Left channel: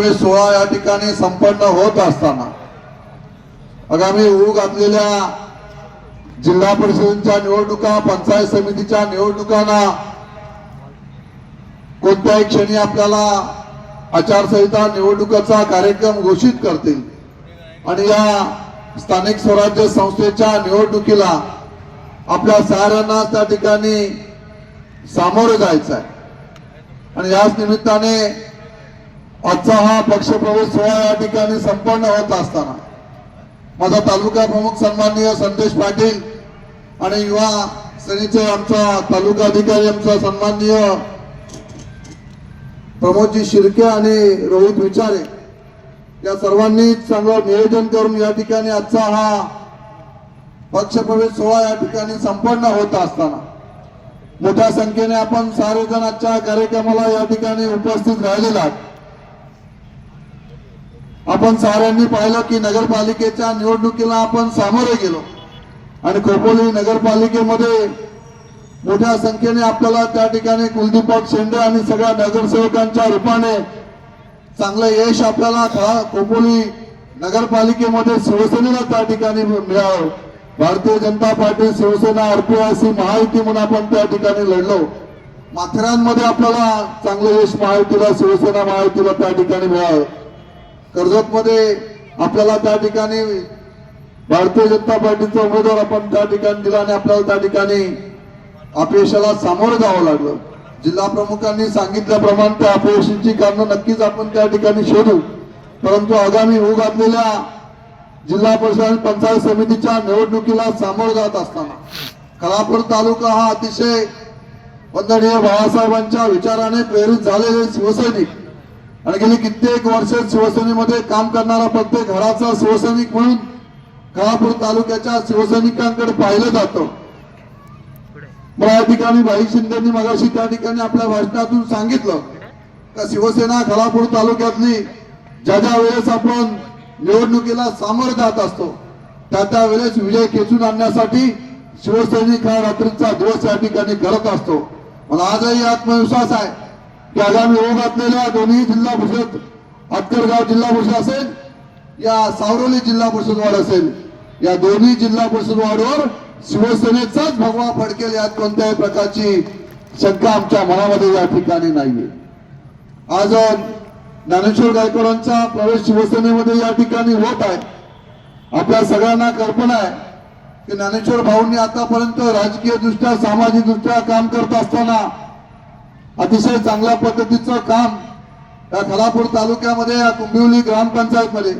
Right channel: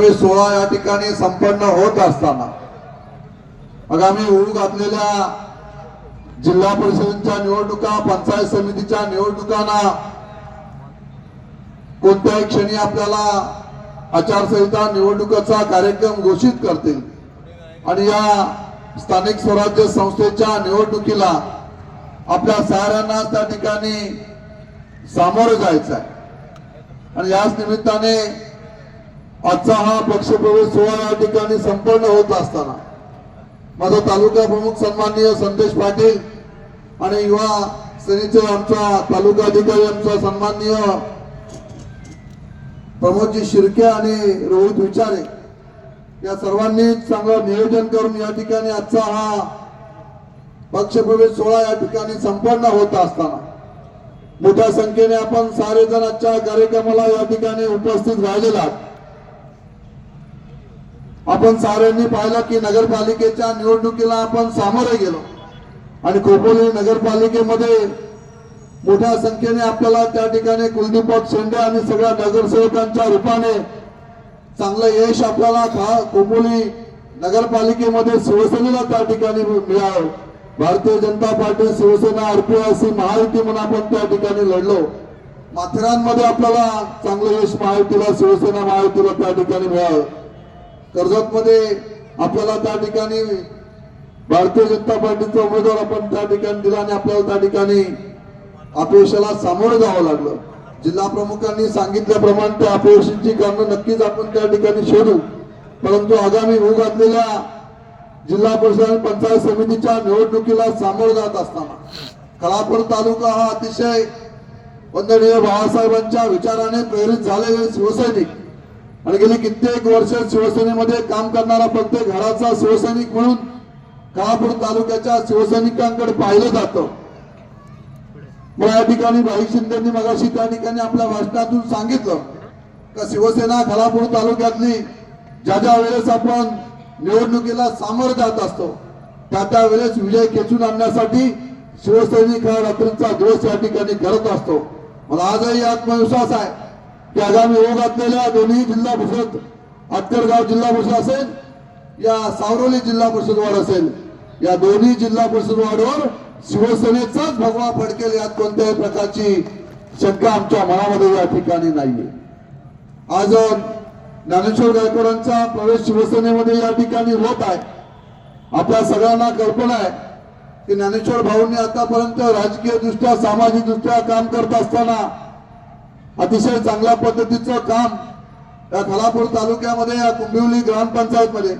पक्षप्रवेश सोहळा या ठिकाणी संपन्न होत असताना आगामी होऊ घातलेल्या जिल्हा परिषदेच्या निवडणुका, पंचायत समितीच्या निवडणुकांना कोणत्याही क्षणी आपल्याला आचारसंहिता निवडणुकाचा कार्यक्रम घोषित करतील आणि या स्थानिक स्वराज्य संस्थेच्या निवडणुकीला आपल्या साऱ्यांना त्या ठिकाणी सामोरे जायचं आहे। आणि याच निमित्ताने आजचा हा पक्षप्रवेश सोहळा या ठिकाणी संपन्न होत असताना माझा तालुका प्रमुख सन्माननीय संदेश पाटील आणि युवा सेनेचे आमचा तालुका अधिकारी आमचा सन्माननीय प्रमोदजी शिर्के आणि रोहित विचारे या सर्वांनी चांगलं नियोजन करून या ठिकाणी आजचा हा पक्षप्रवेश सोहळा या ठिकाणी संपन्न होत असताना मोठ्या संख्येने आपण सारे जण आजच्या कार्यक्रमाला या ठिकाणी उपस्थित राहिलेला आहात। आपण साऱ्यांनी पाहिलं की नगरपालिकेच्या निवडणुकीला आपण सामोरे गेलो आणि खोपोली नगरपालिकेमध्ये मोठ्या संख्येने आपल्याला त्या ठिकाणी कुलदीपक शेंडे आणि सगळ्या नगरसेवकांच्या रूपाने चांगलं यश आपल्याला खोपोली नगरपालिकेमध्ये शिवसेनेला त्या ठिकाणी मिळावं। भारतीय जनता पार्टी, शिवसेना, आरपीआयसी महायुती म्हणून आपण त्या ठिकाणी लढलो। माथेरानमध्ये आपल्याला चांगलं यश महायुतीला, शिवसेना महायुतीला त्या ठिकाणी मिळावं। कर्जतमध्ये आपल्याला त्या ठिकाणी भारतीय जनता पार्टीचा उमेदवार आपण त्या ठिकाणी दिला आणि आपल्याला त्या ठिकाणी अपयशाला सामोरं जावं लागलं। जिल्हा प्रमुखांनी सांगितल्याप्रमाणे त्या अपयशाची कारणं नक्कीच आपण त्या ठिकाणी शोधू, परंतु आगामी होऊ घातलेल्या जिल्हा परिषद आणि पंचायत समितीच्या निवडणुकीला सामोरं जात असताना खालापूर तालुका हा अतिशय वंदनीय बाळासाहेबांच्या विचाराने प्रेरित झालेले शिवसैनिक आणि गेली कित्येक वर्ष शिवसेनेमध्ये काम करणारा प्रत्येक घराचा शिवसैनिक म्हणून खालापूर तालुक्याच्या शिवसैनिकांकडे पाहिलं जातं। या ठिकाणी भाई शिंदेंनी मगाशी त्या ठिकाणी आपल्या भाषणातून सांगितलं का शिवसेना खालापूर तालुक्यातली ज्या वेळेस आपण निवडणुकीला सामोरं जात असतो त्या वेळेस विजय खेचून आणण्यासाठी शिवसैनिक हा रात्रीचा दिवस या ठिकाणी करत असतो। मला आजही आत्मविश्वास आहे की आगामी होऊ घातलेल्या दोन्ही जिल्हा परिषद, आतकरगाव जिल्हा परिषद असेल या सावरोली जिल्हा परिषद वार्ड असेल, या दोन्ही जिल्हा परिषद वार्डवर शिवसेनेचाच भगवा फडकेल यात कोणत्याही प्रकारची शंका आमच्या मनामध्ये या ठिकाणी नाहीये। आज ज्ञानेश्वर गायकवाडांचा प्रवेश शिवसेनेमध्ये या ठिकाणी होत आहे। आपल्या सगळ्यांना कल्पना आहे की ज्ञानेश्वर भाऊंनी आतापर्यंत राजकीय दृष्ट्या, सामाजिक दृष्ट्या काम करत असताना अतिशय चांगल्या पद्धतीचं काम या खालापूर तालुक्यामध्ये या कुंभिवली ग्रामपंचायत मध्ये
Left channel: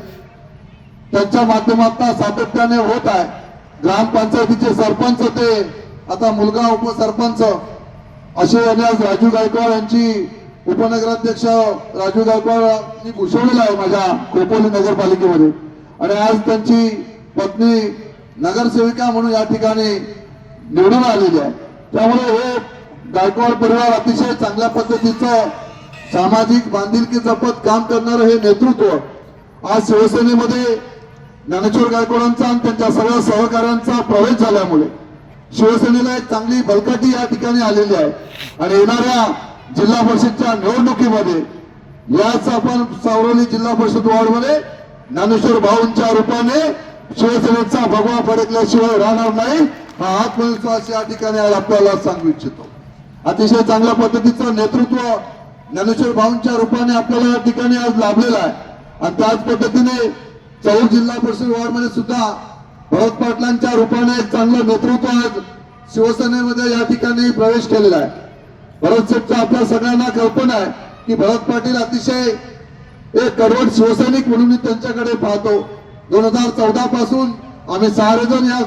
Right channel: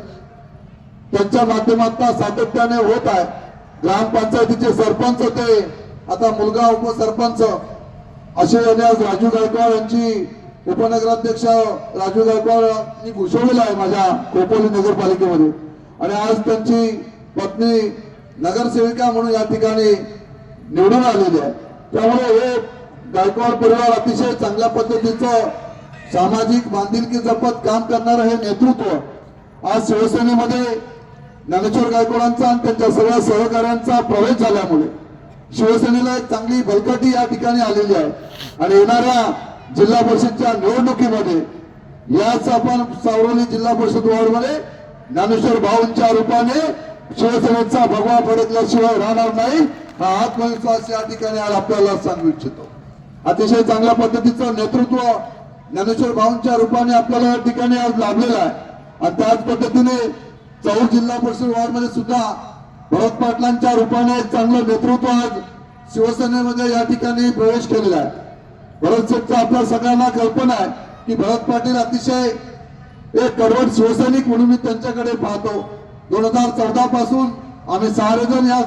त्यांच्या माध्यमातून सातत्याने होत आहे। ग्रामपंचायतीचे सरपंच ते आता मुलगा उपसरपंच असे आज राजू गायकवाड यांची उपनगराध्यक्ष राजू गायकवाड यांनी घोषवलेलं आहे माझ्या खोपोली नगरपालिकेमध्ये आणि आज त्यांची पत्नी नगरसेविका म्हणून या ठिकाणी निवडून आलेली आहे। त्यामुळे हे गायकवाड परिवार अतिशय चांगल्या पद्धतीचं सामाजिक बांधिलकी जपत काम करणारं हे नेतृत्व आज शिवसेनेमध्ये ज्ञानेश्वर गायकवाडांचा आणि त्यांच्या सगळ्या सहकाऱ्यांचा प्रवेश झाल्यामुळे शिवसेनेला एक चांगली बलकटी या ठिकाणी आलेली आहे आणि येणाऱ्या जिल्हा परिषदच्या निवडणुकीमध्ये याच आपण सावरोली जिल्हा परिषद वार्डमध्ये ज्ञानेश्वर भाऊंच्या रूपाने शिवसेनेचा भगवा फडकल्याशिवाय राहणार नाही हा आत्मविश्वास या ठिकाणी आज आपल्याला सांगू इच्छितो। अतिशय चांगल्या पद्धतीचं नेतृत्व ज्ञानेश्वर भाऊंच्या रूपाने आपल्याला या ठिकाणी आज लाभलेलं आहे आणि त्याच पद्धतीने चौर जिल्हा परिषद वार्ड मध्ये सुद्धा भरत पाटलांच्या रूपाने एक चांगलं नेतृत्व आज शिवसेनेमध्ये या ठिकाणी प्रवेश केलेला आहे। भरत शेठचा आपल्या सगळ्यांना कल्पना आहे की भरत पाटील अतिशय एक कडवट शिवसैनिक म्हणून मी त्यांच्याकडे पाहतो। 2014 पासून आम्ही सारेजण या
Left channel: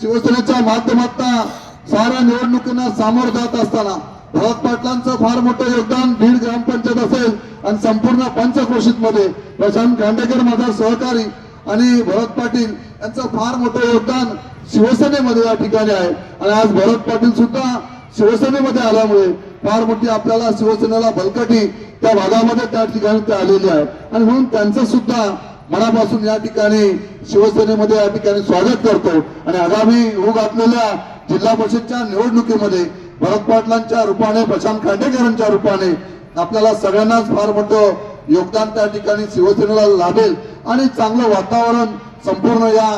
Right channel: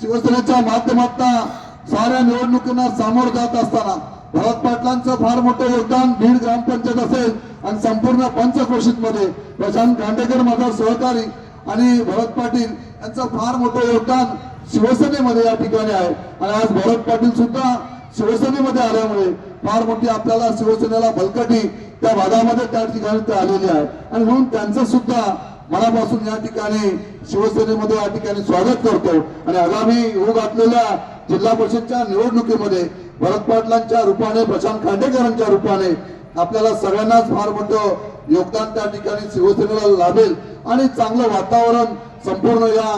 शिवसेनेच्या माध्यमातून साऱ्या निवडणुकींना सामोरं जात असताना भरत पाटलांचं फार मोठं योगदान बीड ग्रामपंचायत असेल आणि संपूर्ण पंचक्रोशीत मध्ये प्रशांत खांडेकर माझा सहकारी आणि भरत पाटील यांचं फार मोठं योगदान शिवसेनेमध्ये या ठिकाणी आहे आणि आज भरत पाटील सुद्धा शिवसेनेमध्ये आल्यामुळे फार मोठी आपल्याला शिवसेनेला बलकटी त्या भागामध्ये त्या ठिकाणी ते आलेले आहे आणि म्हणून त्यांचं सुद्धा मनापासून या ठिकाणी शिवसेनेमध्ये या ठिकाणी स्वागत करतो आणि आगामी होऊ घातलेल्या जिल्हा परिषदच्या निवडणुकीमध्ये भरत पाटलांच्या रूपाने, प्रशांत खांडेकरांच्या रूपाने आपल्याला सगळ्यांनाच फार मोठं योगदान त्या ठिकाणी शिवसेनेला लाभेल आणि चांगलं वातावरण संपूर्ण या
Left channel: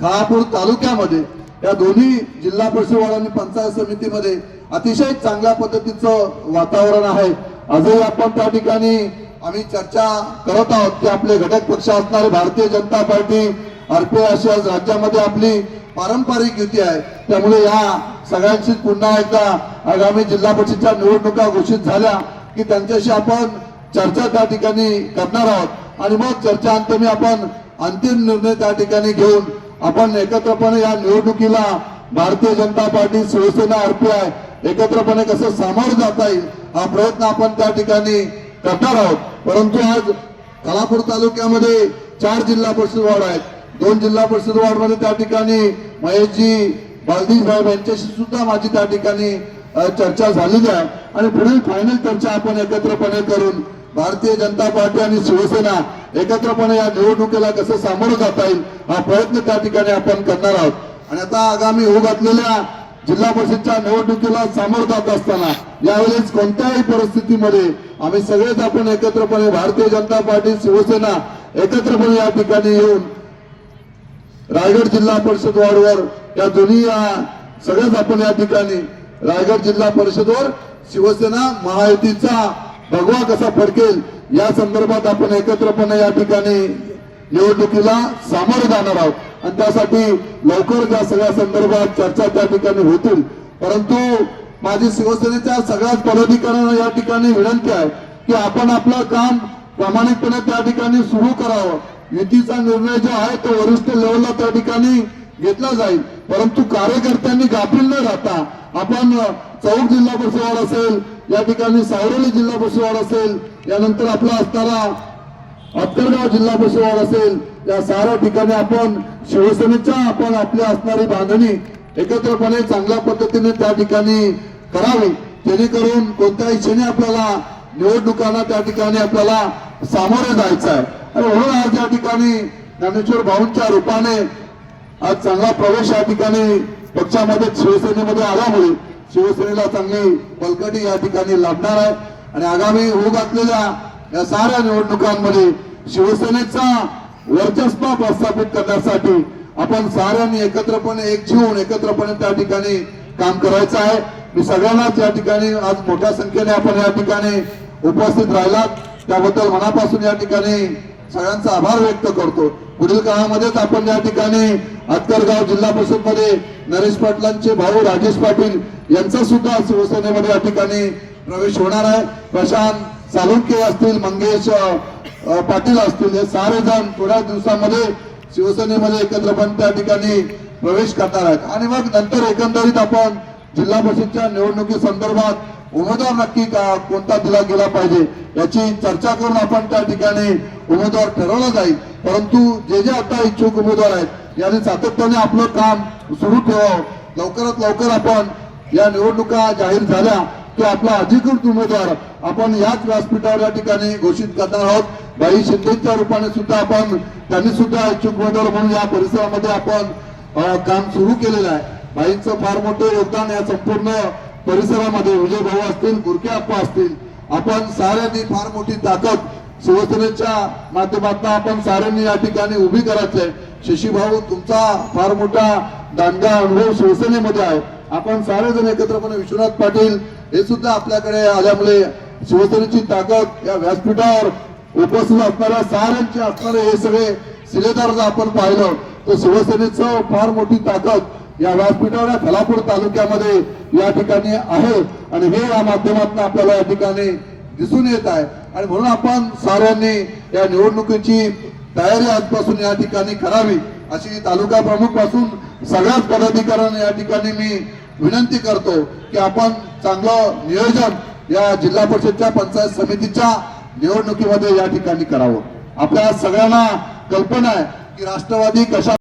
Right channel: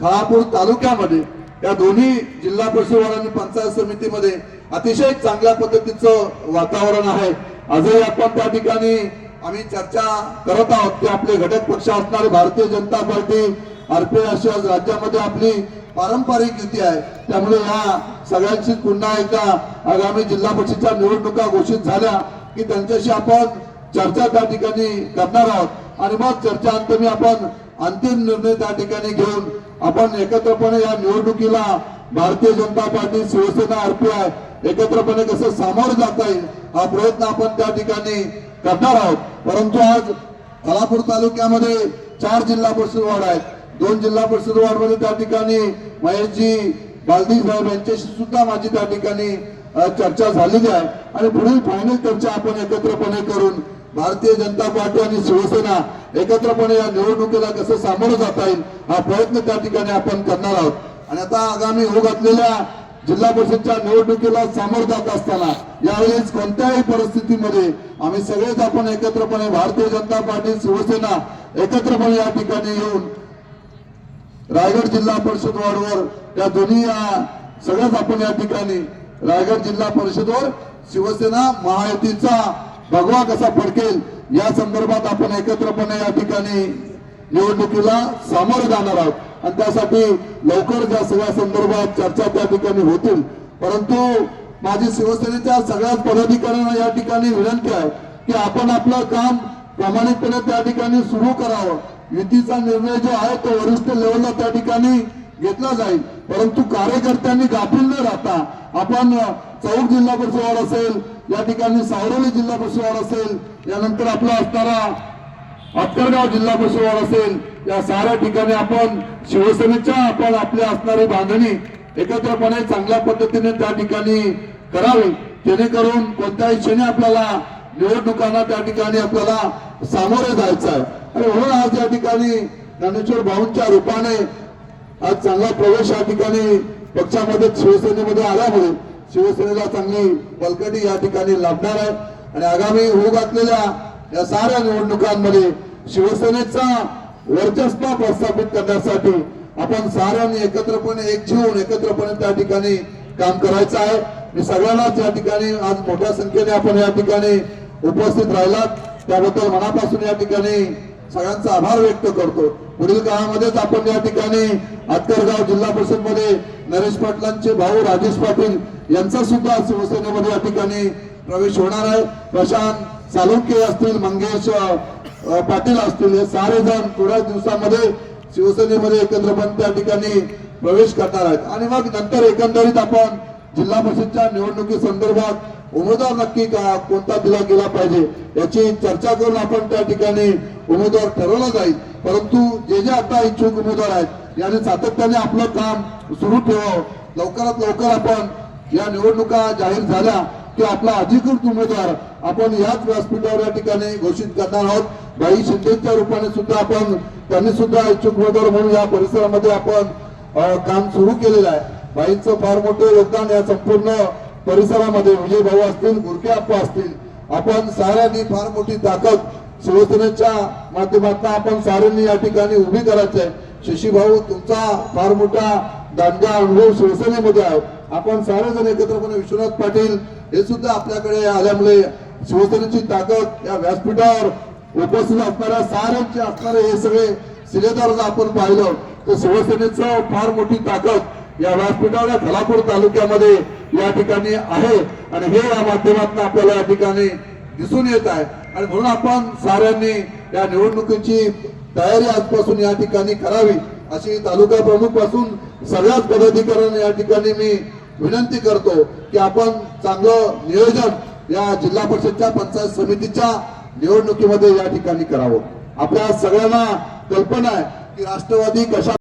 खालापूर तालुक्यामध्ये या दोन्ही जिल्हा परिषद आणि पंचायत समितीमध्ये अतिशय चांगल्या पद्धतीचं वातावरण आहे. आजही आपण त्या ठिकाणी आम्ही चर्चा करत आहोत की आपले घटक पक्ष असणारे भारतीय जनता पार्टी आरपीआय अशी आज राज्यामध्ये आपली पारंपरिक युती आहे. त्यामुळे या सगळ्यांशी पुन्हा एकदा आगामी जिल्हा परिषदच्या निवडणुका घोषित झाल्या की त्यांच्याशी आपण चर्चा त्या ठिकाणी करणार आहोत आणि मग चर्चा अंतमी आपण अंतिम निर्णय त्या ठिकाणी घेऊन आपण एकत्रपणे या निवडणुकीला भारतीय जनता पार्टी शिवसेना आरपीआय एकत्रपणे कसं सामोरं जाता येईल हा प्रयत्न आपण त्या ठिकाणी करणार आहोत. परंतु आज खालापूर तालुक्यामध्ये 4 जिल्हा परिषद वार्ड आहेत. 2 जिल्हा परिषद वार्ड मध्ये त्या ठिकाणी महेशजी बालदी साहेब यांच्याशी सुद्धा माझी त्या ठिकाणी चर्चा झालेली आहे आणि पुढील फायनल चर्चा आपण एकत्रपणे करून भारतीय जनता पार्टी आणि शिवसेना एकत्रपणे या निवडणुकीला कसं सामोरं जाता येईल हा प्रयत्न त्या ठिकाणी आपण करणार आहोत. आणि आता आगामी होऊ घातलेल्या जिल्हा परिषदच्या निवडणुकीला सामोरं जात असताना यावेळेस कोणत्याही परिस्थितीमध्ये आम्ही सगळेच आपण एकत्रपणे भारतीय जनता पार्टी शिवसेना एकत्रपणे या ठिकाणी येऊन रायगड जिल्हा परिषद वार्डवर त्या दोन्ही सगळ्याच आपण या ठिकाणी रायगड जिल्हा परिषदवर शिवसेना महायुतीचा भगवा कसा फडकेल या संदर्भात आपण एकत्रपणे या ठिकाणी निवडणुकीला सामोरे जाणार आहोत आणि त्यासाठी लवकर त्या सगळ्या संदर्भात चर्चा त्या ठिकाणी होतील. परंतु माझी शिवसेनेच्या सगळ्याच पदाधिकाऱ्यांना या ठिकाणी विनंती आहे की आपण आपलं काम प्रामाणिकपणे त्या ठिकाणी सुरू करावं. युतीचा निर्णय जो आहे तो वरिष्ठ लेवलला त्या ठिकाणी घेतला जाईल, परंतु कार्यकर्त्यांनी गाफील न राहता आपण चौक जिल्हा परिषद वार्ड असेल, या ठिकाणी सावरोली जिल्हा परिषद वार्ड असेल, यानंतर आपला असणारा अत्करगाव जिल्हा परिषद वार्ड असेल, या साऱ्या ठिकाणी आपण शिवसेनेच्या आपण आपल्या असणारी बांधणी एकत्रपणे चांगल्या पद्धतीने त्या ठिकाणी करावी, जेणेकरून कोणत्याही क्षणी आपल्याला निवडणुकांना त्या ठिकाणी आपल्याला सामोरे जायचं आहे. आणि म्हणून आज या ठिकाणी ज्ञानेश्वर भाऊंच्या रूपाने आज चांगला प्रवेश या ठिकाणी पक्षामध्ये शिवसेनेमध्ये आल्यामुळे शिवसेनेला चांगली बलकटी या ठिकाणी लाभणार आहे. आणि आगामी होऊ घातलेल्या या साऱ्या निवडणुकांमध्ये शिवसेनेचा वर्चस्व प्रस्थापित करण्यासाठी आपण साऱ्यांनी एकत्रपणे एकजीव होऊन एकत्रपणे त्या ठिकाणी काम करायचं आहे. मी सगळ्यांनाच या ठिकाणी आज मोठ्या संख्येने आपण या ठिकाणी उपस्थित राहिलात त्याबद्दल मनापासून या ठिकाणी सगळ्यांचा आभार व्यक्त करतो. पुढील काळामध्येच आपण या ठिकाणी अत्करगाव जिल्हा परिषद मध्ये नरेश पाटलांचे भाऊ राजेश पाटील यांचा सुद्धा शिवसेनेमध्ये या ठिकाणी प्रवेश होणार आहे. प्रशांत सालुंके असतील, मंगेश पाटील असतील, हे सारे जण थोड्या दिवसामध्ये शिवसेनेमध्ये एकत्रपणे त्या ठिकाणी प्रवेश करणार आहेत. आणि मग नंतर एकंदरीत आपण जिल्हा परिषदच्या निवडणुकी संदर्भात उमेदवार नक्की कोणता दिला गेला पाहिजे याची चर्चा करून आपण त्या ठिकाणी उमेदवार ठरवला जाईल. परंतु जे जे आता इच्छुक उमेदवार आहेत यांनी सातत्याने आपलं काम सुरू ठेवावं. लवकरात लवकर आपण या निवडणुका जाहीर झाल्या की आपला अधिकृत उमेदवार आपण याच व्यासपीठावर या ठिकाणी घोषित करणार आहोत. बाई शिंदेच्या रूपाने सुद्धा आपण त्यांनी सुद्धा इच्छुक उमेदवार म्हणून या परिसरामध्ये आपण काम सुरू केलेलं आहे. बाईंचं फार मोठं योगदान या संपूर्ण परिसरामध्ये विजय भाऊ असतील, गुरके आप्पा असतील, आपण साऱ्यांनी फार मोठी ताकद शिवसेनेच्या माध्यमातून आपण साऱ्यांनी या ठिकाणी उभी करायची आहे. शशी भाऊ तुमचा फार मोठा दांडगा अनुभव शिवसेनेमध्ये आहे. आपण सारे जण एकत्रपणे विश्वनाथ पाटील हे सुद्धा आपल्याकडे आल्यामुळे शिवसेनेची ताकद या व्यासपीठावर उपस्थित असणाऱ्या साऱ्यांचे असणारे हे सगळे शिलेदार जर आपण पाहिलं तर शिवसेनेचं फार मोठी ताकद या व्यासपीठावर खालापूर तालुक्यामध्ये या ठिकाणी आहे आणि हे या माध्यमातून आपल्याला या ठिकाणी दिसून येत आहे. आणि म्हणून आपण साऱ्यांनी या निवडणुकीची तयारी आजपासून या ठिकाणी करावी अशी तालुका प्रमुख पासून सगळ्याच पदाधिकाऱ्यांना या ठिकाणी मी विनंती करतो की आपण चांगलं नियोजन या जिल्हा परिषदच्या पंचायत समितीच्या निवडणुकीमध्ये या ठिकाणी करावं. आपल्या सगळ्यांना कल्पना आहे की राष्ट्रवादी कशा